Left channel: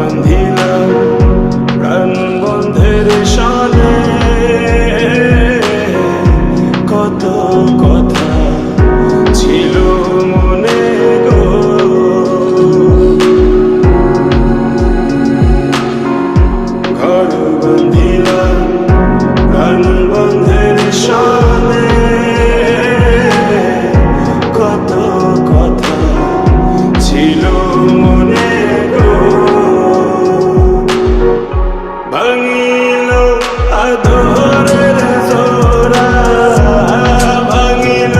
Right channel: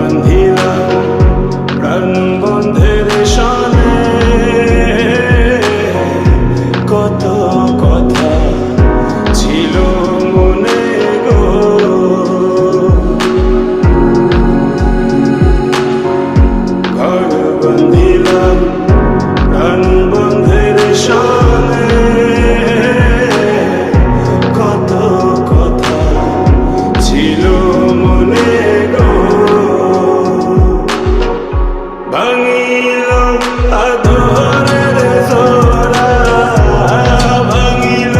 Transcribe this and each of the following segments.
বান্ধিলাম প্রাণ বন্ধের শানে, কত কথা ছিল মনে গো। ঘর বান্ধিলাম প্রাণ বন্ধের শানে, কত কথা ছিল মনে গো। ভাঙিল আদরের জোড়া, ভাঙিল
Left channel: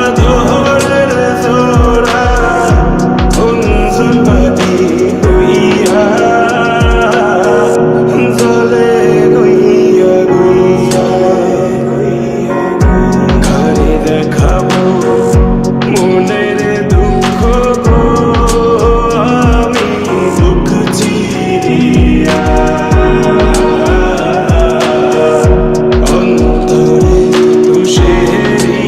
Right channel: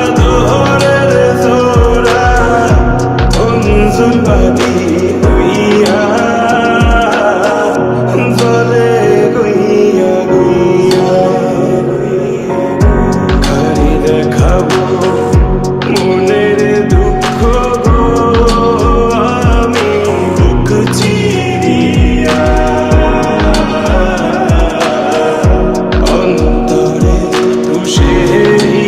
আদরের জোড়া, অঞ্জন বাদী হইয়া জলে গইয়া গইয়া। কারে দেখাবো মনের দুঃখ গো, আমি বুক চিরিয়া। অন্তরে তুষেরিয়ন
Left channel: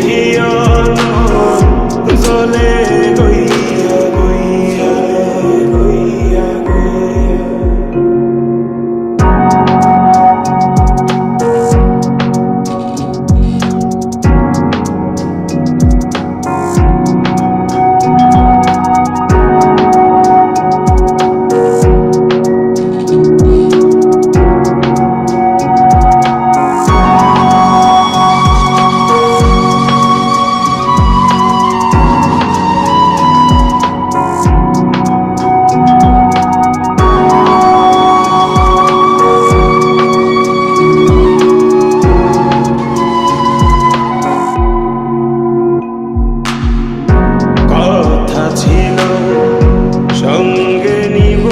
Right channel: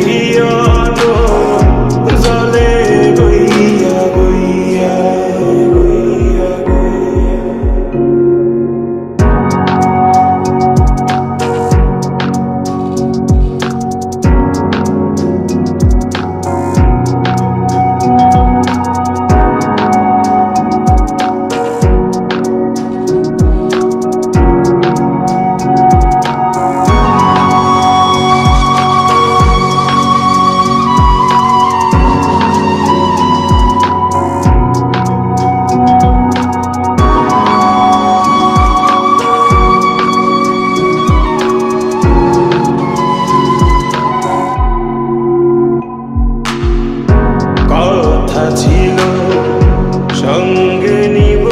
জলে গইয়া গইয়া গইয়া গইয়া। কথা ছিল সঙ্গে নিব